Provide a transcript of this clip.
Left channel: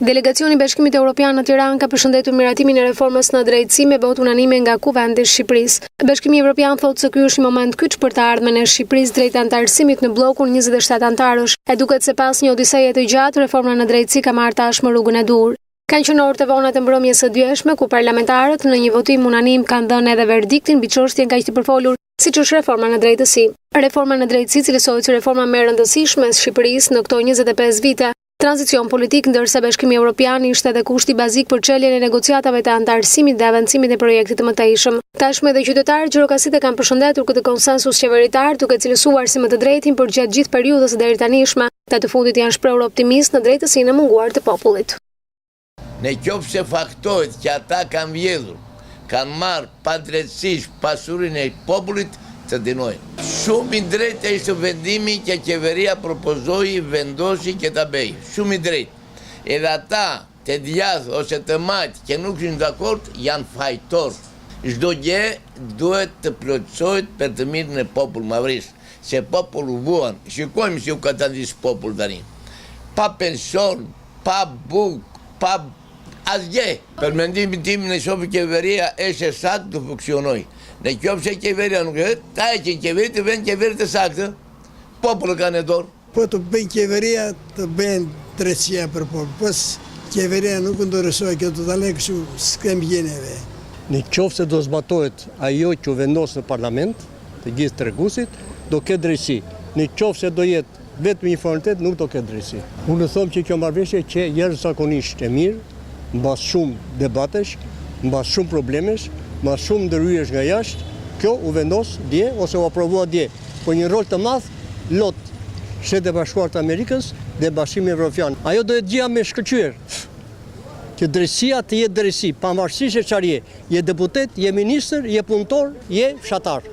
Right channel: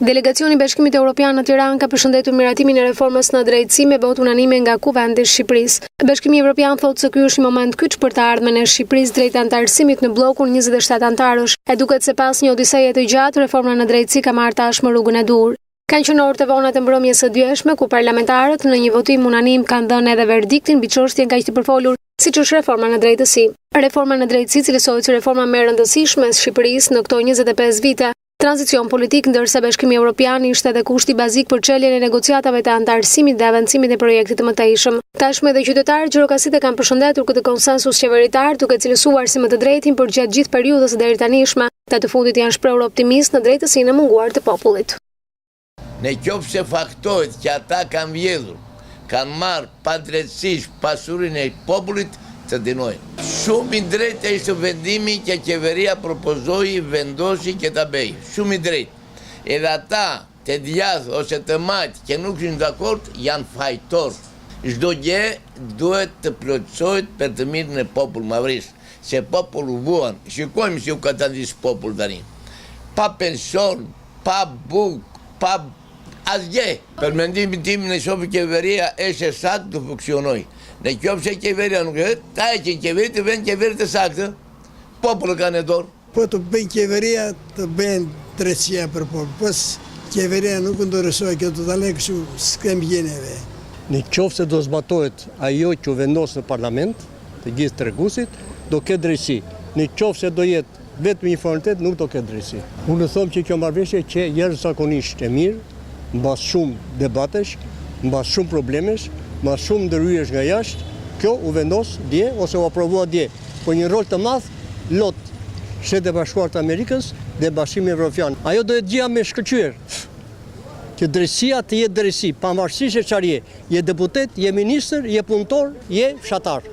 Delegacioni i Bashkimit Evropian në Tiranë ka përshëndetur miratimin e reformës në drejtësi me votë unanime nga Kuvendi i Shqipërisë. Bashkimi Evropian thotë se ky është një moment kyç për të ardhmen e Shqipërisë drejt antarësimit në bllokun 27 antarësh. E duket se pas një odiseje të gjatë, reforma në drejtësi ka marrë tashmë rrugën e dur. Kanë qenë orë të vona të mbrëmjes së djeshme ku parlamentarët në një votim unanim kanë dhënë edhe verdiktin mbi çështjen kaq të përfolur, siç është reforma në drejtësi. Reforma në drejtësi cilësohet si reforma më e rëndësishme e Shqipërisë në këto 25 vite. Tranzicion politik, ndërsa Bashkimi Evropian ishte edhe kushti bazik për çeljen e negociatave të antarësimit dhe avancimit e projektit të mëtejshëm. Tashmë edhe qytetarët gjirokastike kanë përshëndetur këtë konsensus qeveritar, duke cilësuar si më të drejtin për gjatë gjithë periudhës së deritanishme, dhe të fundit janë shprehur optimist në drejtësinë e munguar të popullit. Në qoftë se faktohet që ata kanë vjedhur, kanë marrë padrejtësisht pasurinë e popullit, të dinojnë. Shumë i drejtë ishte vendimi që qeveria propozoi, vendosi që ta bëj. Shumë i drejtë. Edhe ata të djathtë ose të majtë që nuk janë dakord janë fajtor. Çdo gjë duhet të plotësohet për të mirën e popullit mavris. Se popullu vuan. Shikojmë si u ka tandis popull tani. Pa pension, pa buk, pa asgjë. Për mendimin tim në shofi qeveria është saktë të funksionojë. Në qoftë se qeveria nuk e, ta e që në qeveri të vend qeveri të saktë, popullu ka në dorë. Po të bëjnë qeveria, të bëjnë drejtësia për popull. Pos qeveria nuk ndërësoj, kjo të dalë kështu s'kem gjeneve. Në qoftë se do zbatohet ajo që vendos në parlament, të gjithë treguesit, do ketë drejtësi. Në qoftë se do jetë vetëm një formalitet, nuk do ketë drejtësi. Unë them që kjo marrëveshje që jashtëzakonisht e mirë, mbas shumë debatesh, mbas shumë problemesh, ma shumë ndërhyrjesh nga jashtë, kjo u vendos dje ose u aprovua dje. Po një rol të madh lot Shtetet e Bashkuara të Amerikës dhe Bashkimi Evropian. Ajo do të gjëja me shkëlqyer. Që drejtësia të jetë drejtësi, pavarësisht se çfarë je deputet, je ministër, je punëtor, je fshatar.